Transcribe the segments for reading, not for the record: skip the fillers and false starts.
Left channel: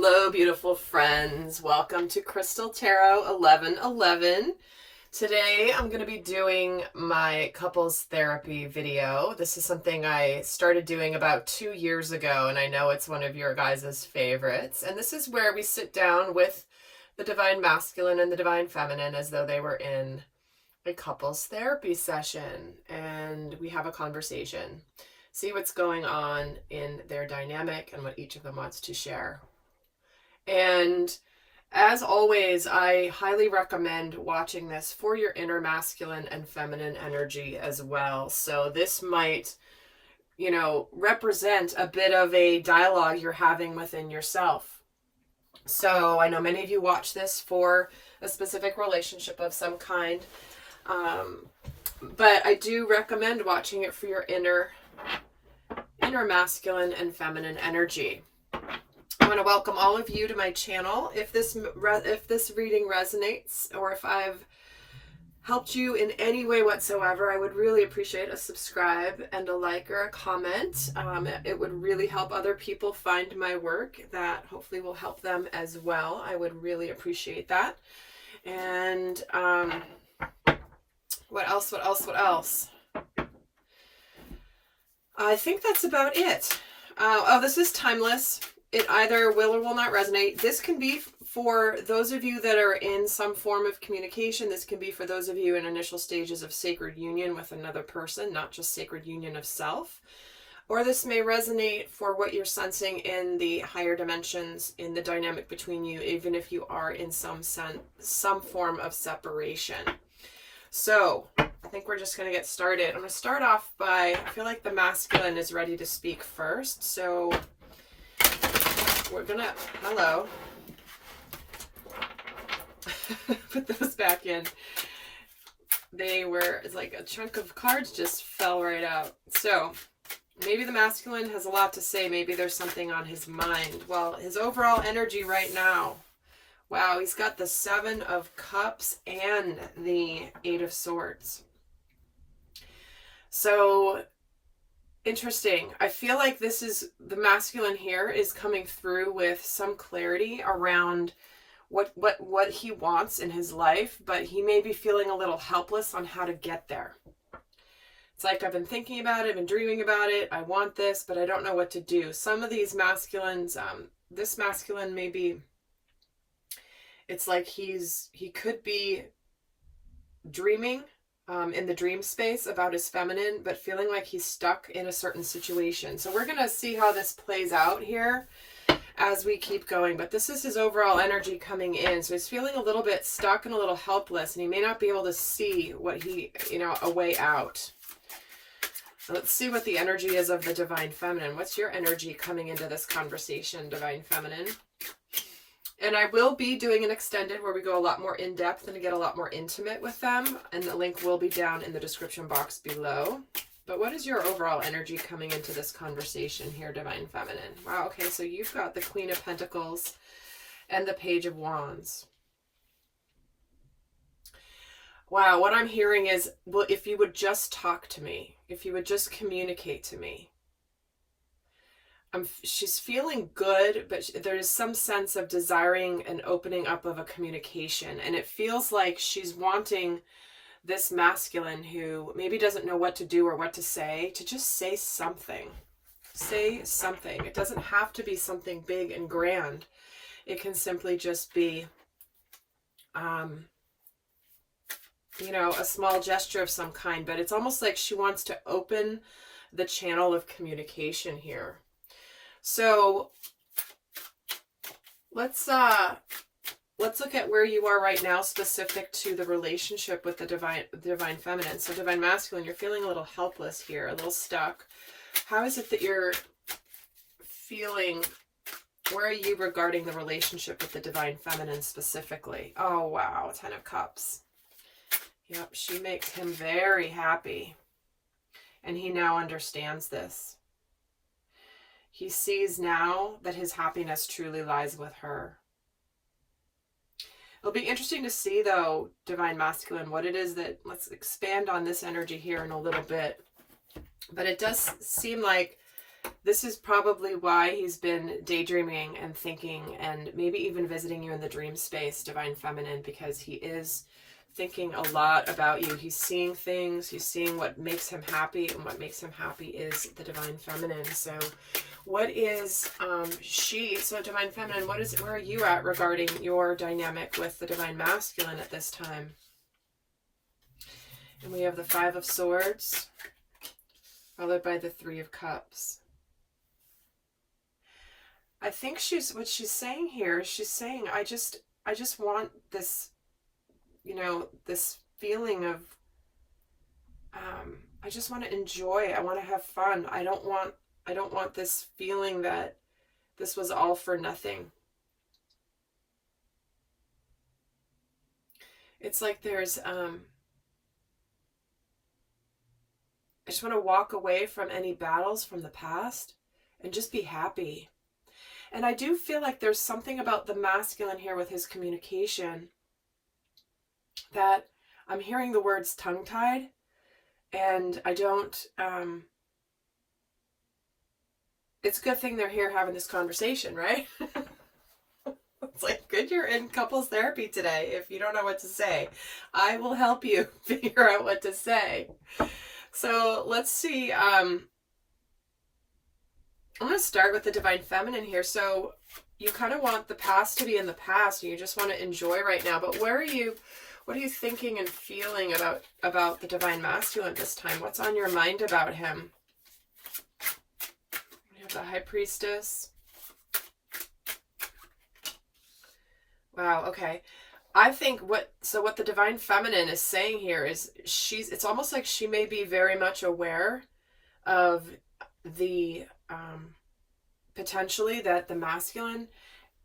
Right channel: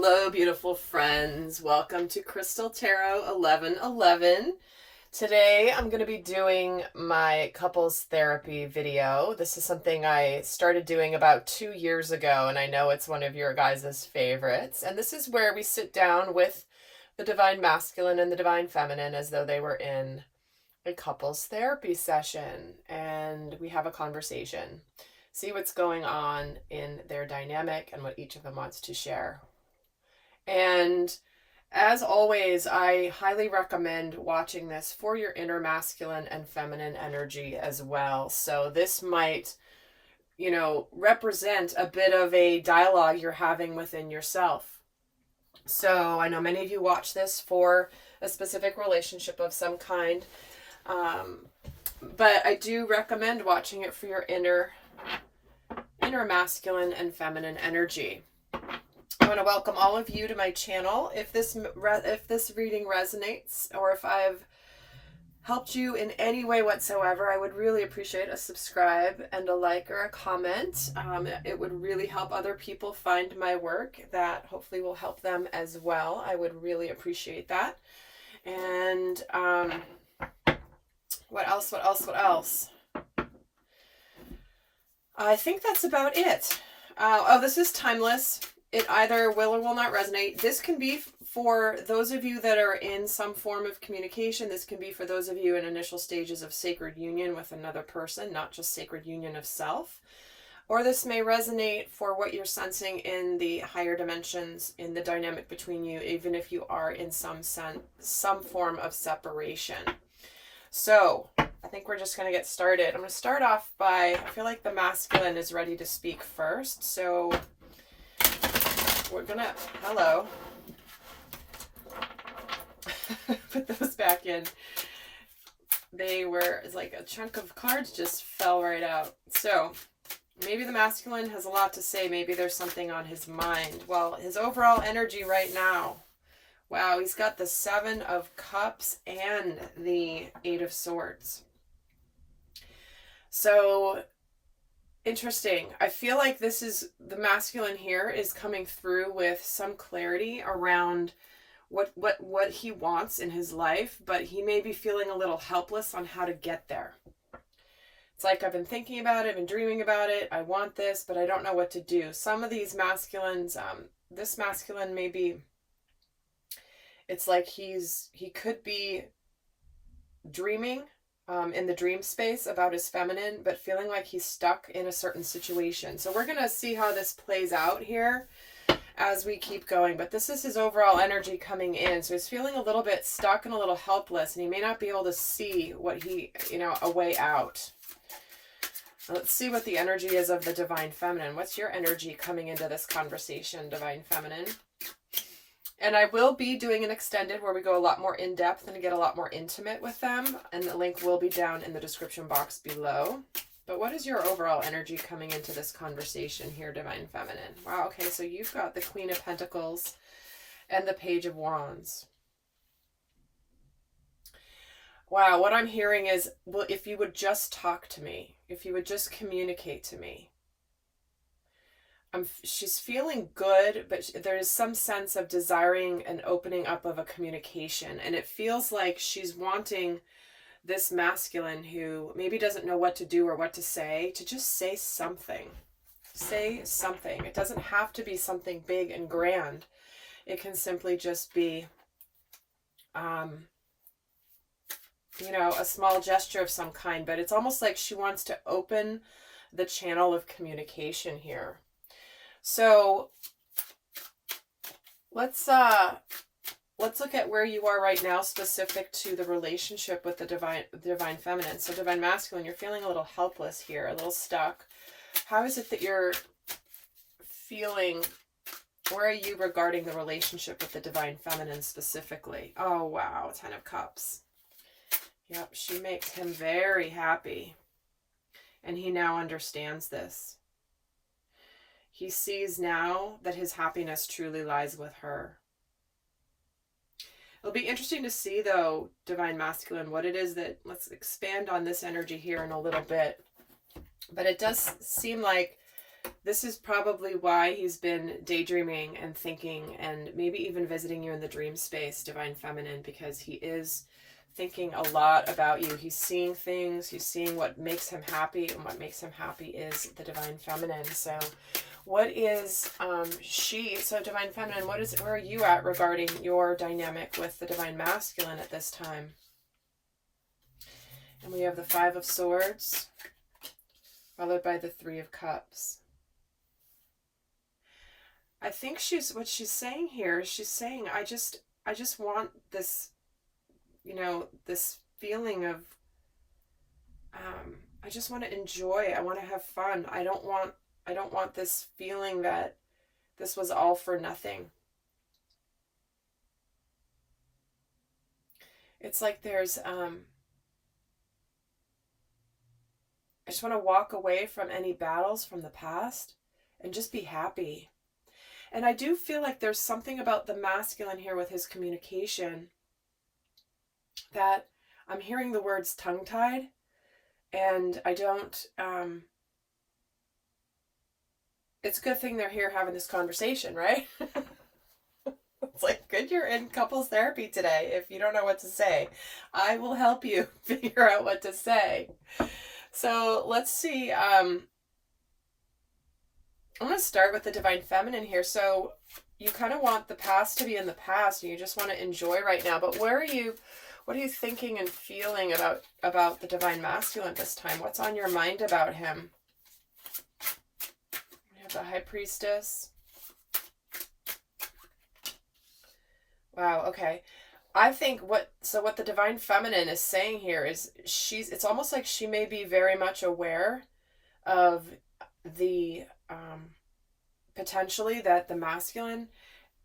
Hello, beautiful friends. Welcome to Crystal Tarot 1111. Today, I'm going to be doing my couples therapy video. This is something I started doing about 2 years ago, and I know it's one of your guys' favorites. And this is where we sit down with the Divine Masculine and the Divine Feminine as though they were in a couples therapy session, and we have a conversation. See what's going on in their dynamic and what each of them wants to share. And as always, I highly recommend watching this for your inner masculine and feminine energy as well. So this might, represent a bit of a dialogue you're having within yourself. So I know many of you watch this for a specific relationship of some kind. But I do recommend watching it for your inner masculine and feminine energy. I want to welcome all of you to my channel. If this reading resonates, or if I've helped you in any way whatsoever, I would really appreciate a subscribe and a like or a comment. It would really help other people find my work. That hopefully will help them as well. I would really appreciate that. And what else? I think that's about it. This is timeless. It either will or will not resonate. This can be for those of you that are in some form of communication. This can be for those of you in initial stages of sacred union with another person, not just sacred union of self. Or this may resonate for what you're sensing in the higher dimensions, in the dynamic between you, even if you are in some form of separation. So I think we're just going to get started. I'm going to start off by, I feel like the masculine is ready to speak first. So we're going to, hello. Put those back in. It's like a chunk of cards just fell right out. So maybe the masculine has a lot to say. Maybe there's something on his mind. Well, his overall energy right now. Wow, he's got the 7 of Cups and the 8 of Swords. So interesting. I feel like this is the masculine here is coming through with some clarity around what he wants in his life, but he may be feeling a little helpless on how to get there. It's like, I've been thinking about it, I've been dreaming about it, I want this, but I don't know what to do. Some of these masculines, this masculine may be, it's like he could be dreaming in the dream space about his feminine, but feeling like he's stuck in a certain situation. So we're going to see how this plays out here as we keep going. But this is his overall energy coming in. So he's feeling a little bit stuck and a little helpless, and he may not be able to see what a way out. So let's see what the energy is of the Divine Feminine. What's your energy coming into this conversation, Divine Feminine? And I will be doing an extended where we go a lot more in depth and get a lot more intimate with them. And the link will be down in the description box below. But what is your overall energy coming into this conversation here, Divine Feminine? Wow, okay, so you've got the Queen of Pentacles and the Page of Wands. Wow, what I'm hearing is, well, if you would just talk to me, if you would just communicate to me. She's feeling good, but there's some sense of desiring an opening up of a communication. And it feels like she's wanting this masculine who maybe doesn't know what to do or what to say, to just say something. Say something. It doesn't have to be something big and grand. It can simply just be, a small gesture of some kind. But it's almost like she wants to open the channel of communication here. So let's look at where you are right now, specific to the relationship with the divine feminine. So Divine Masculine, you're feeling a little helpless here, a little stuck. How is it that you're feeling? Where are you regarding the relationship with the Divine Feminine specifically? Oh, wow. 10 of Cups. Yep, she makes him very happy. And he now understands this. He sees now that his happiness truly lies with her. It'll be interesting to see, though, Divine Masculine, what it is that, let's expand on this energy here in a little bit. But it does seem like This is probably why he's been daydreaming and thinking and maybe even visiting you in the dream space, Divine Feminine, because he is thinking a lot about you. He's seeing things, he's seeing what makes him happy, and what makes him happy is the Divine Feminine. So what is so Divine Feminine, where are you at regarding your dynamic with the Divine Masculine at this time? And we have the Five of Swords, followed by the Three of Cups. I think what she's saying here, she's saying, I just want this, this feeling of, I just want to enjoy. I want to have fun. I don't want this feeling that this was all for nothing. It's like there's, I just want to walk away from any battles from the past and just be happy. And I do feel like there's something about the masculine here with his communication that I'm hearing the words tongue-tied, and I don't, it's a good thing they're here having this conversation, right? It's like, good you're in couples therapy today. If you don't know what to say, I will help you figure out what to say. So let's see, I'm going to start with the Divine Feminine here. So you kind of want the past to be in the past and you just want to enjoy right now. But what are you thinking and feeling about the Divine Masculine this time? What's on your mind about him? We have the High Priestess. Wow, okay. I think what the Divine Feminine is saying here is it's almost like she may be very much aware of the potentially that the masculine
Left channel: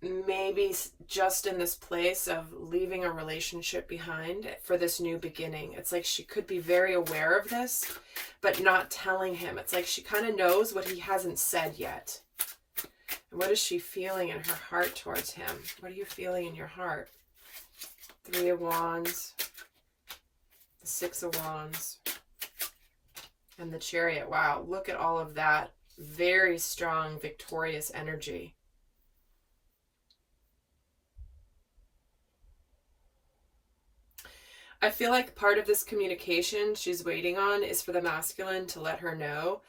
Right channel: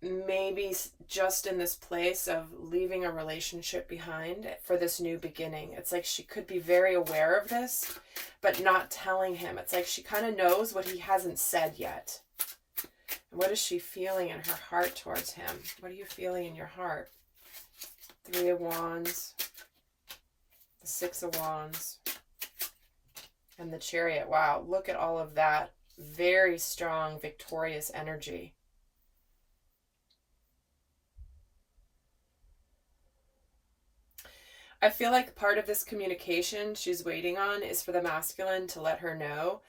may be just in this place of leaving a relationship behind for this new beginning. It's like she could be very aware of this, but not telling him. It's like she kind of knows what he hasn't said yet. And what is she feeling in her heart towards him? What are you feeling in your heart? Three of Wands, the Six of Wands, and the Chariot. Wow, look at all of that. Very strong, victorious energy. I feel like part of this communication she's waiting on is for the masculine to let her know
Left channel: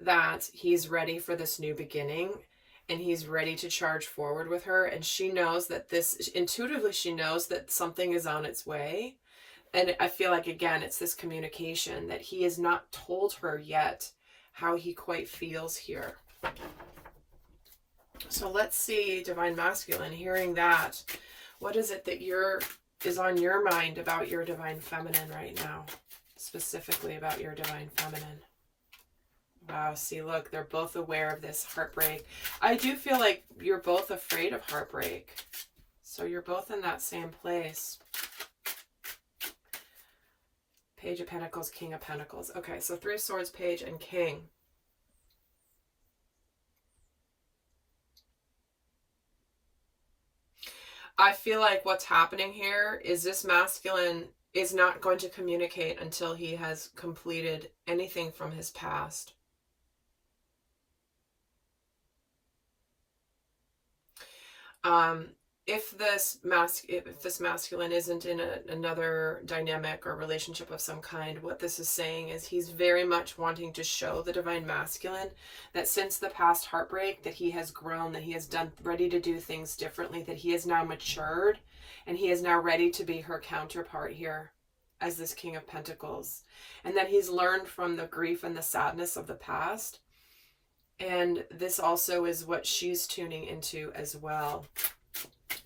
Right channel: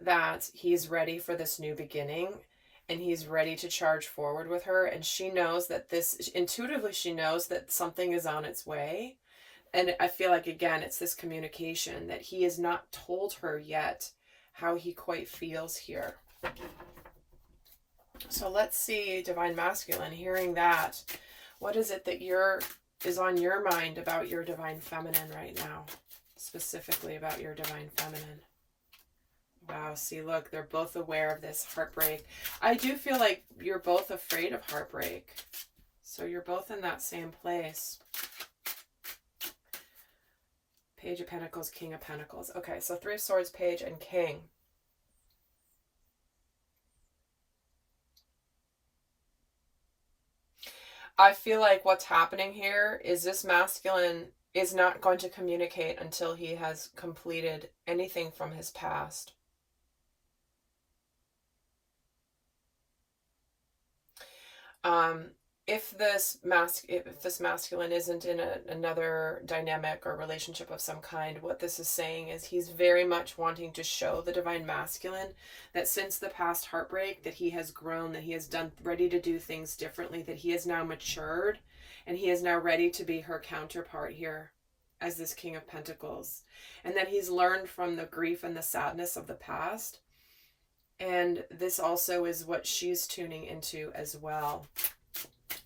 that he's ready for this new beginning and he's ready to charge forward with her. And she knows that intuitively she knows that something is on its way. And I feel like, again, it's this communication that he has not told her yet how he quite feels here. So let's see, Divine Masculine, hearing that, what is it that is on your mind about your Divine Feminine right now? Specifically about your Divine Feminine. Wow, see, look, they're both aware of this heartbreak. I do feel like you're both afraid of heartbreak. So you're both in that same place. Page of Pentacles, King of Pentacles. Okay, so Three of Swords, Page, and King. I feel like what's happening here is this masculine is not going to communicate until he has completed anything from his past. If this masculine isn't in another dynamic or relationship of some kind, what this is saying is he's very much wanting to show the Divine Masculine that since the past heartbreak, that he has grown, that he has ready to do things differently, that he has now matured, and he is now ready to be her counterpart here as this King of Pentacles, and that he's learned from the grief and the sadness of the past. And this also is what she's tuning into as well.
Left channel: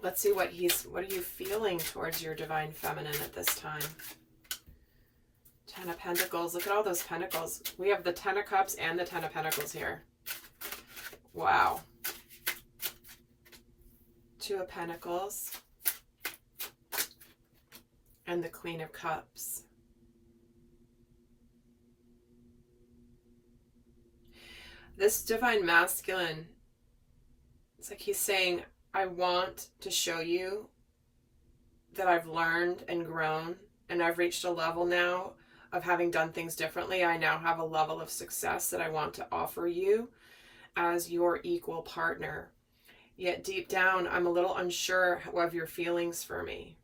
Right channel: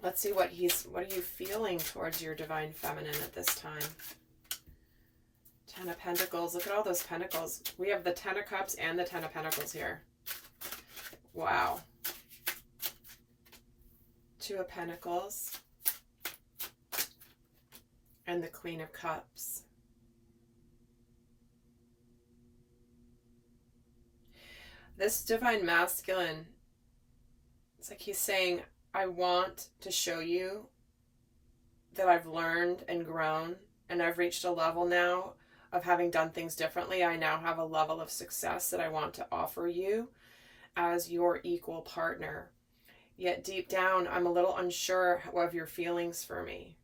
Let's see what are you feeling towards your Divine Feminine at this time? Ten of Pentacles. Look at all those pentacles. We have the Ten of Cups and the Ten of Pentacles here. Wow. Two of Pentacles. And the Queen of Cups. This Divine Masculine, it's like he's saying, I want to show you that I've learned and grown, and I've reached a level now of having done things differently. I now have a level of success that I want to offer you, as your equal partner. Yet deep down, I'm a little unsure of your feelings for me.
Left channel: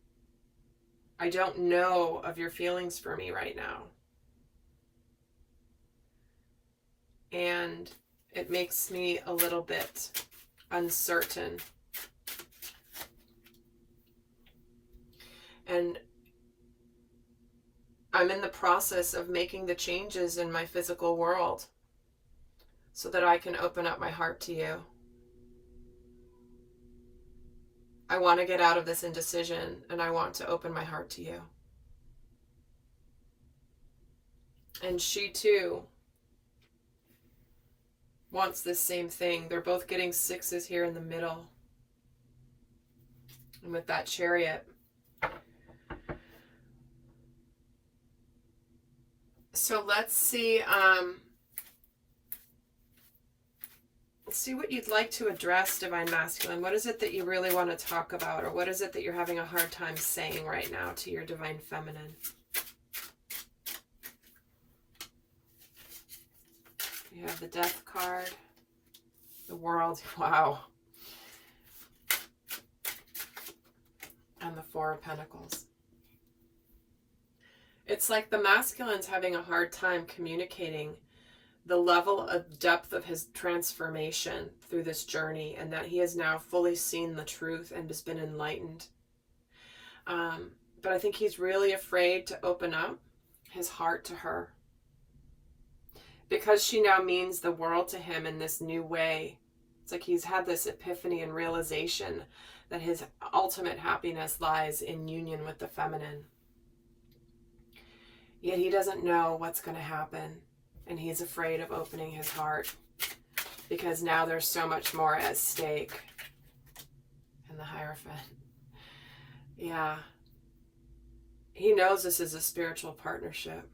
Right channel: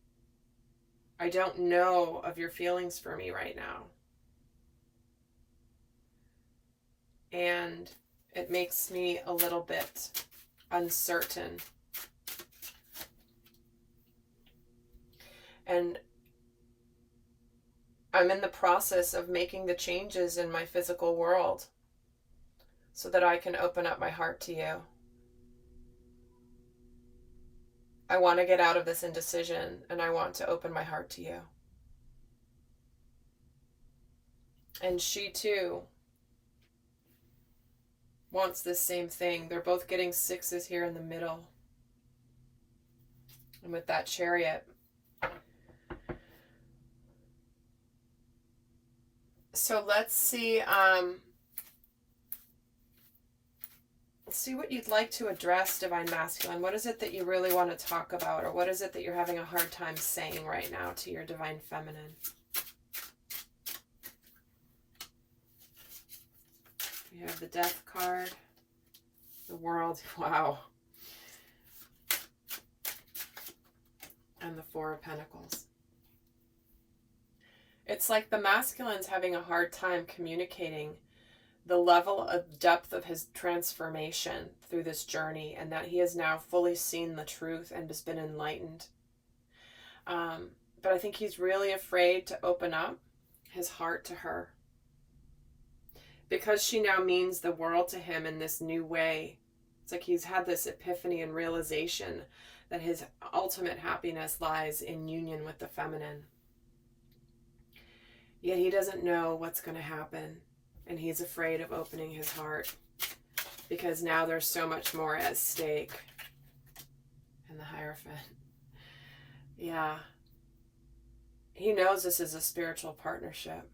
I don't know of your feelings for me right now. And it makes me a little bit uncertain. And I'm in the process of making the changes in my physical world so that I can open up my heart to you. I want to get out of this indecision, and I want to open my heart to you. And she too wants this same thing. They're both getting 6s here in the middle. And with that Chariot. So let's see what you'd like to address, Divine Masculine. What is it that you really want to talk about? Or what is it that you're having a hard time saying right now to your Divine Feminine? You have the Death card. The World. Wow. And the Four of Pentacles. It's like the masculine's having a hard time communicating the level of depth of his transformation through this journey, and that he has now fully seen the truth and has been enlightened. But I think he's really afraid to open up his heart to her, because she now means the world to him in this new way. It's like he's had this epiphany and realization that his ultimate happiness lies in union with the feminine. Yet he doesn't know what's going to happen. And he's afraid of opening his heart because now there's so much more at stake. And the Hierophant. Yeah. He knows this is a spiritual partnership.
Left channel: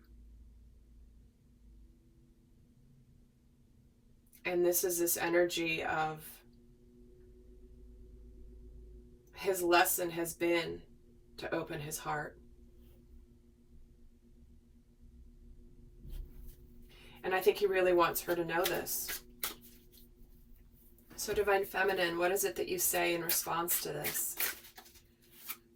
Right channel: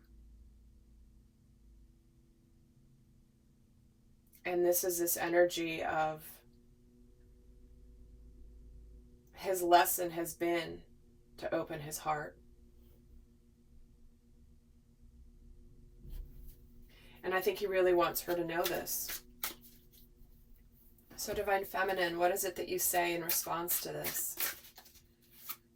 And this is this energy of his lesson has been to open his heart. And I think he really wants her to know this. So Divine Feminine, what is it that you say in response to this?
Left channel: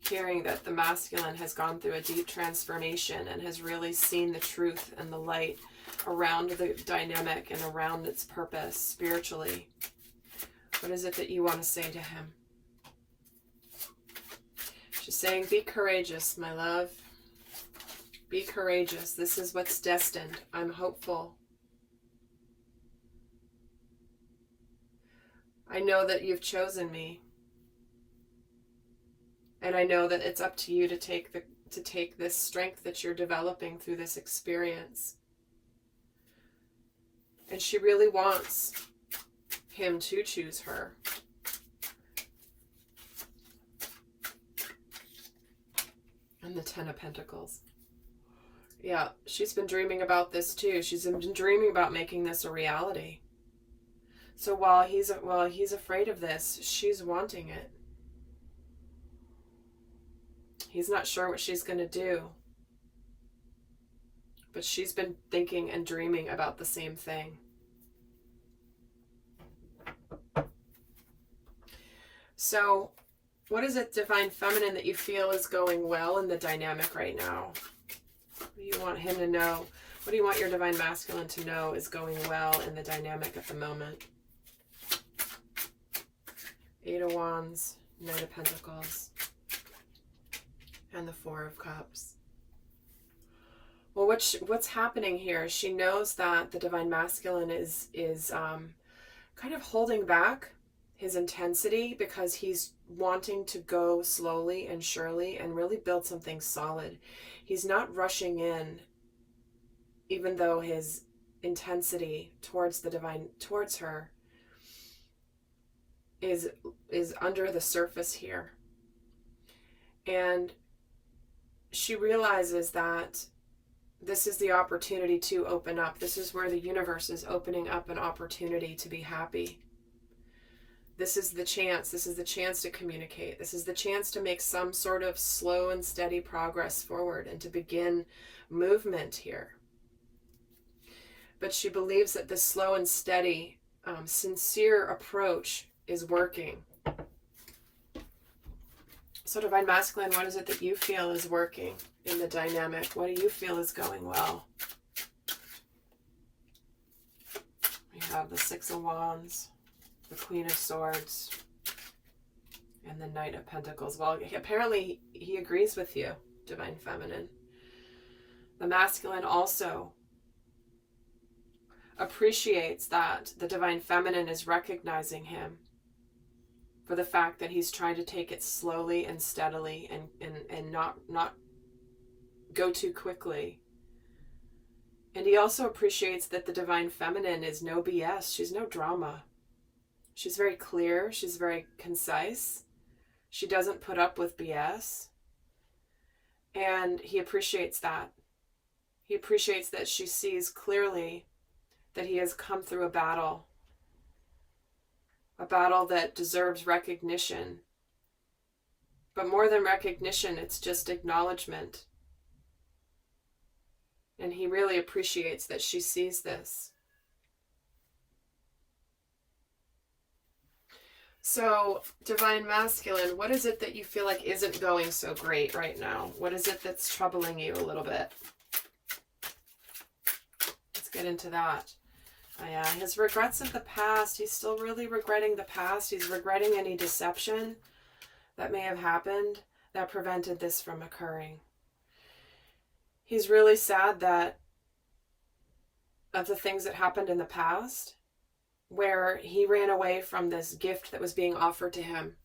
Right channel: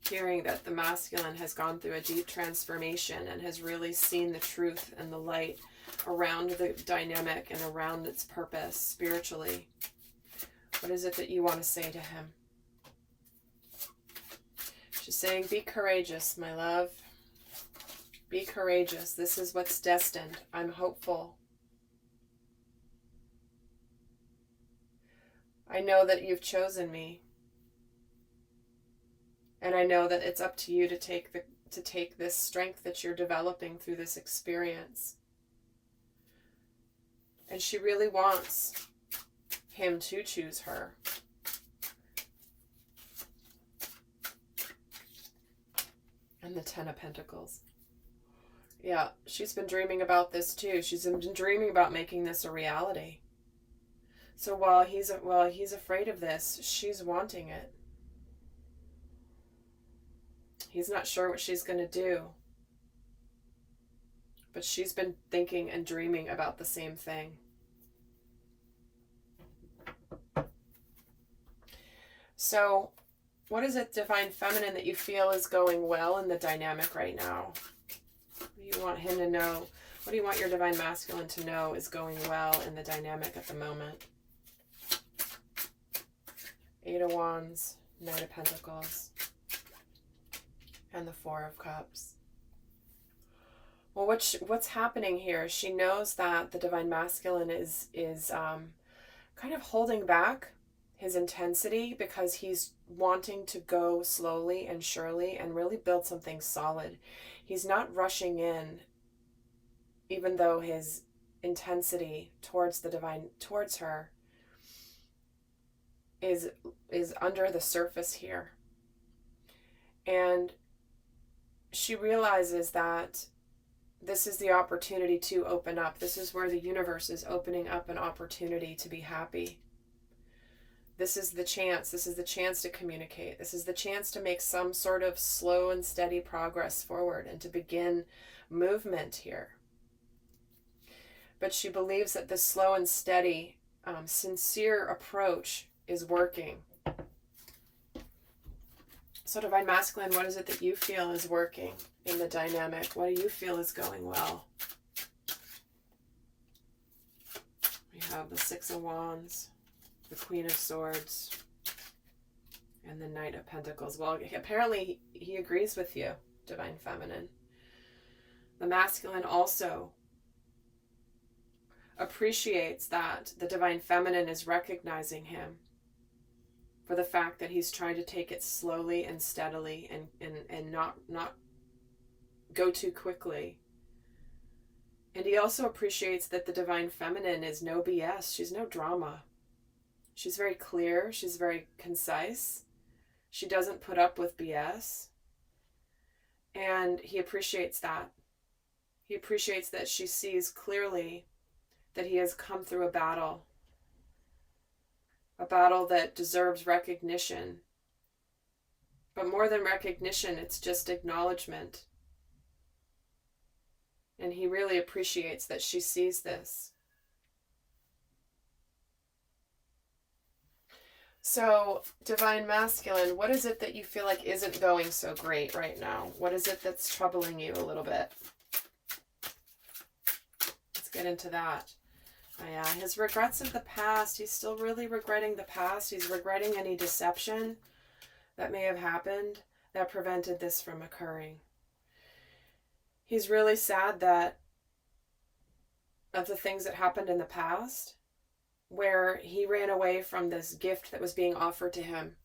Hearing that the masculine has gone through a deep transformation and has really seen the truth and the light around the dynamic and around its purpose spiritually. What is it that you want to say to him? She's saying, be courageous, my love. Be courageous. This is what's destined. I'm hopeful. I know that you've chosen me. And I know that it's up to you to take this strength that you're developing through this experience. And she really wants him to choose her. And the Ten of Pentacles. Yeah, she's been dreaming about this too. She's been dreaming about making this a reality. So while he's afraid of this, she's wanting it. He's not sure what she's going to do. But she's been thinking and dreaming about the same thing. So, what is it, Divine Feminine, that you feel is going well in the dynamic right now? What do you want him to know? What do you want your Divine Masculine to know is going well in the dynamic at the moment? Eight of Wands, Knight of Pentacles, and the Four of Cups. Well, what's happening here? She knows that the Divine Masculine is kind of holding back his intensity because he's wanting to go slowly and surely and really build something solid. He's not rushing in, even though his intensity towards the divine, towards her, is under the surface here. And she realizes that this is the opportunity to open up. This is where the universe is opening up an opportunity to be happy. This is the chance. This is the chance to communicate. This is the chance to make some sort of slow and steady progress forward and to begin movement here. But she believes that this slow and steady sincere approach is working. So Divine Masculine, what is it that you feel is working in the dynamic? What do you feel is going well? We have the Six of Wands, the Queen of Swords, and the Knight of Pentacles. Well, apparently he agrees with you, Divine Feminine. The Masculine also appreciates that the Divine Feminine is recognizing him for the fact that he's trying to take it slowly and steadily and not go too quickly. And he also appreciates that the Divine Feminine is no BS. She's no drama. She's very clear. She's very concise. She doesn't put up with BS. And he appreciates that. He appreciates that she sees clearly that he has come through a battle that deserves recognition. But more than recognition, it's just acknowledgement. And he really appreciates that she sees this. So, Divine Masculine, what is it that you feel like isn't going so great right now? What is it that's troubling you a little bit? Let's get into that. Yeah, his regrets of the past. He's still really regretting the past. He's regretting any deception that may have happened that prevented this from occurring. He's really sad that of the things that happened in the past where he ran away from this gift that was being offered to him.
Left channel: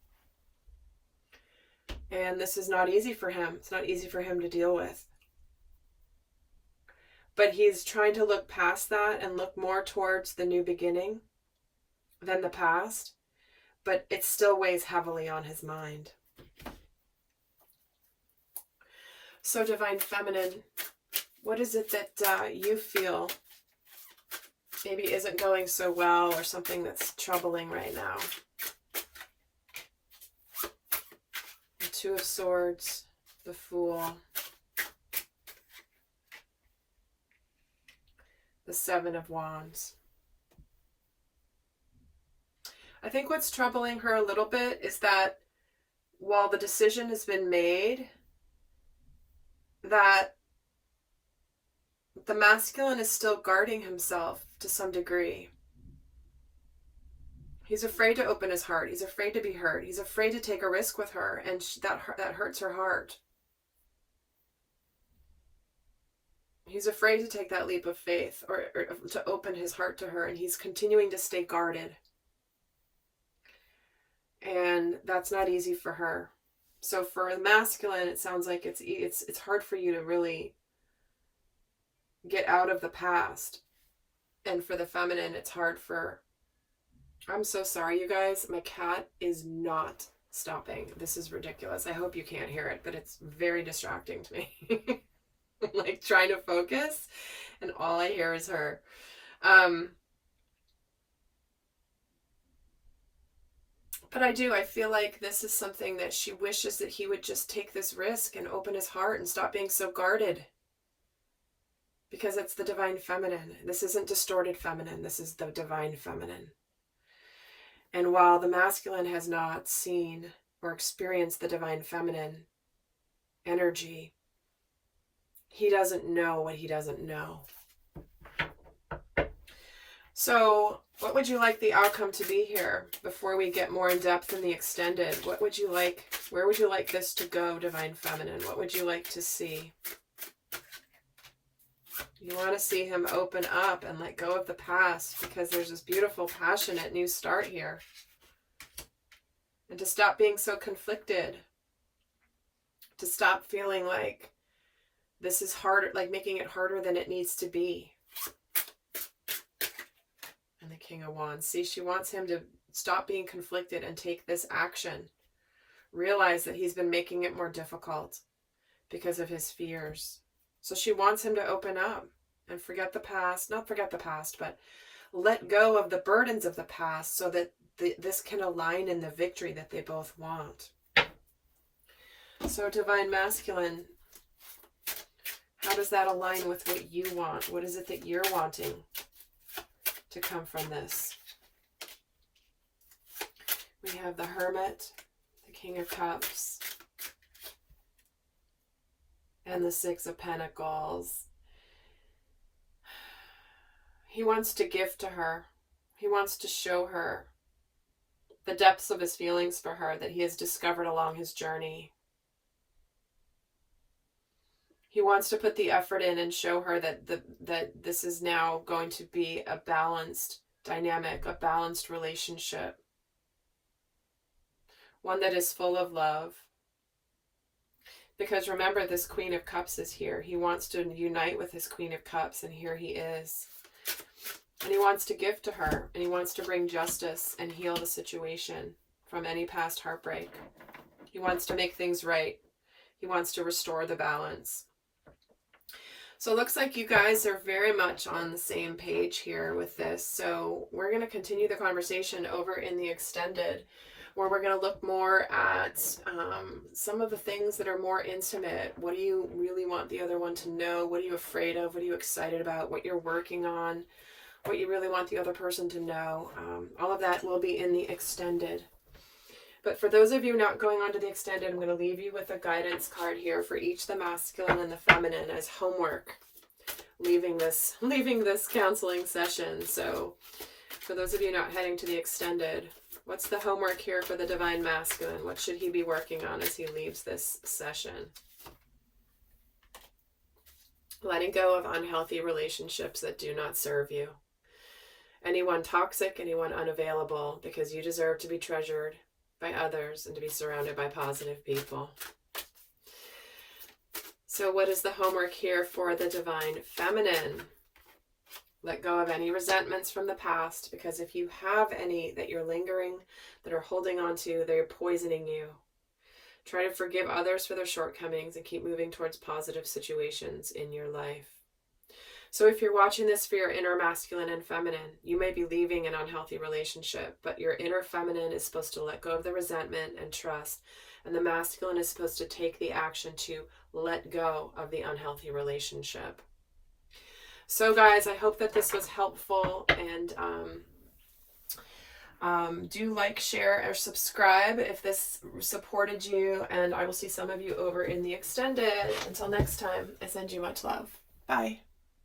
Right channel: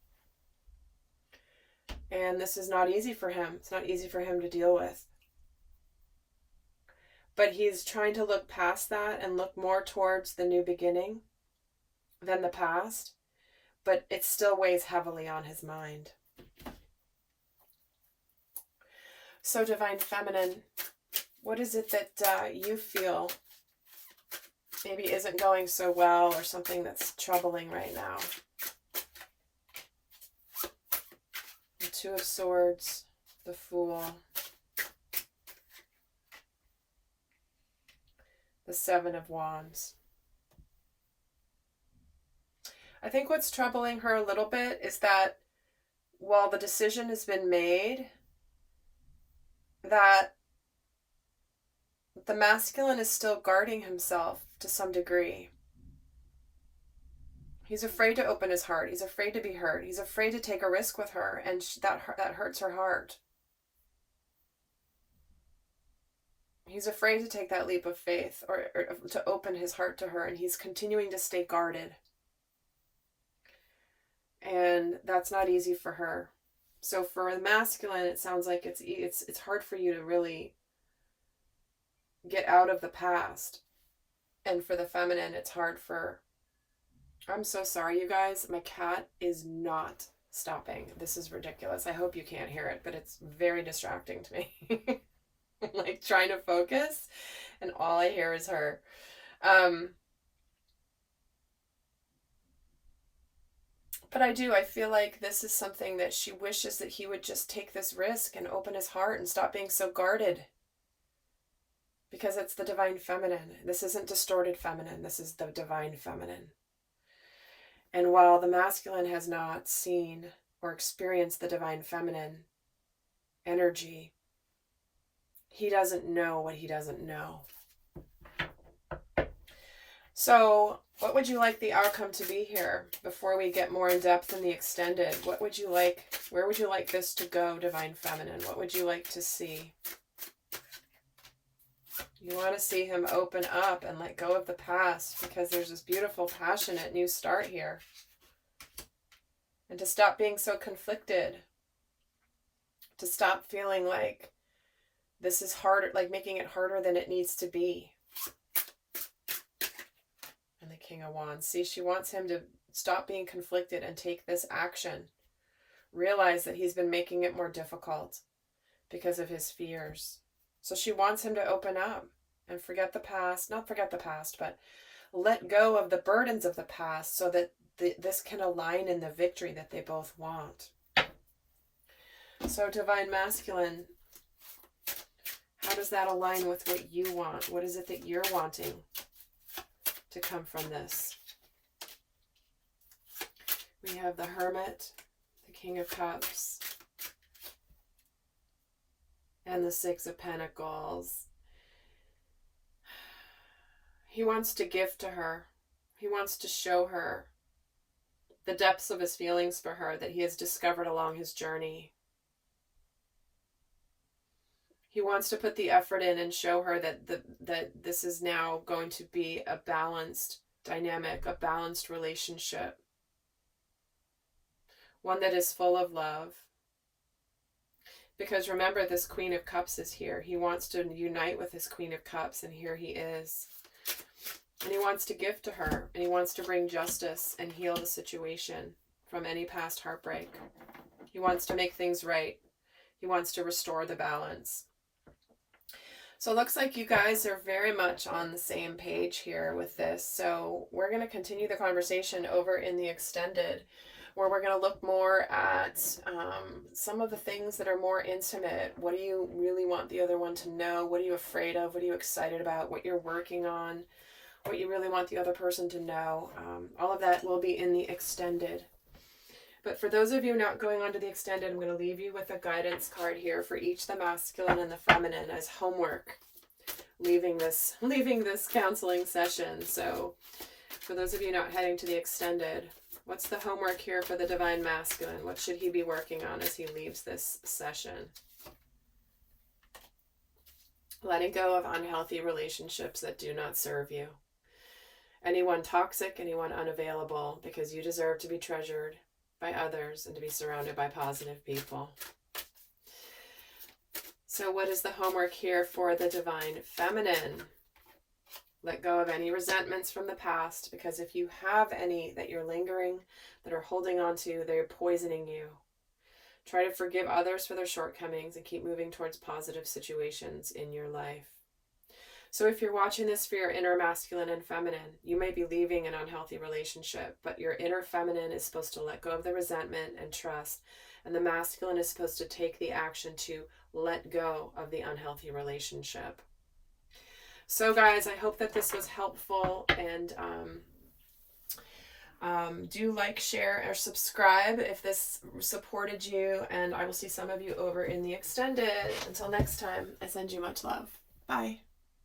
And this is not easy for him. It's not easy for him to deal with. But he's trying to look past that and look more towards the new beginning than the past. But it still weighs heavily on his mind. So Divine Feminine, what is it that you feel maybe isn't going so well, or something that's troubling right now? The Two of Swords, the Fool, the Seven of Wands. I think what's troubling her a little bit is that while the decision has been made, that the masculine is still guarding himself to some degree. He's afraid to open his heart. He's afraid to be hurt. He's afraid to take a risk with her, and that hurts her heart. He's afraid to take that leap of faith or to open his heart to her, and he's continuing to stay guarded. And that's not easy for her. So for the masculine, it sounds like it's hard for you to really get out of the past. And for the feminine, it's hard for... I'm so sorry, you guys. My cat is not stopping. This is ridiculous. I hope you can't hear it, but it's very distracting to me. I'm like trying to focus, and all I hear is her. But I feel like this is something that she wishes that he would just take this risk and open his heart and stop being so guarded. Because it's the Divine Feminine. This isn't distorted feminine. This is the Divine Feminine. And while the masculine has not seen or experienced the Divine Feminine energy, he doesn't know what he doesn't know. So what would you like the outcome to be here before we get more in depth in the extended? What would you like? Where would you like this to go, Divine Feminine? What would you like to see? You want to see him open up and let go of the past, because there's this beautiful, passionate new start here. And to stop being so conflicted. To stop feeling like this is harder, like making it harder than it needs to be. And the King of Wands. See, she wants him to stop being conflicted and take this action. Realize that he's been making it more difficult because of his fears. So she wants him to open up and forget the past. Not forget the past, but let go of the burdens of the past so that this can align in the victory that they both want. So Divine Masculine, how does that align with what you want? What is it that you're wanting to come from this? We have the Hermit, the King of Cups, and the Six of Pentacles. He wants to give to her. He wants to show her the depths of his feelings for her that he has discovered along his journey. He wants to put the effort in and show her that that this is now going to be a balanced dynamic, a balanced relationship. One that is full of love. Because remember, this Queen of Cups is here. He wants to unite with his Queen of Cups, and here he is. And he wants to give to her, and he wants to bring justice and heal the situation from any past heartbreak. He wants to make things right. He wants to restore the balance. So it looks like you guys are very much on the same page here with this. So we're going to continue the conversation over in the extended, where we're going to look more at some of the things that are more intimate. What do you really want the other one to know? What are you afraid of? What are you excited about? What you're working on? What you really want the other person to know? All of that will be in the extended. But for those of you not going on to the extended, I'm going to leave you with a guidance card here for each the masculine and the feminine as homework, leaving this counseling session. So for those of you not heading to the extended, what's the homework here for the divine masculine? What should he be working on as he leaves this session? Letting go of unhealthy relationships that do not serve you. Anyone toxic, anyone unavailable, because you deserve to be treasured by others and to be surrounded by positive people. So what is the homework here for the divine feminine? Let go of any resentments from the past, because if you have any that you're lingering, that are holding on to, they're poisoning you. Try to forgive others for their shortcomings and keep moving towards positive situations in your life. So if you're watching this for your inner masculine and feminine, you may be leaving an unhealthy relationship, but your inner feminine is supposed to let go of the resentment and trust, and the masculine is supposed to take the action to let go of the unhealthy relationship. So guys, I hope that this was helpful, and do like, share, or subscribe if this supported you, and I will see some of you over in the extended. Until next time, I send you much love. Bye.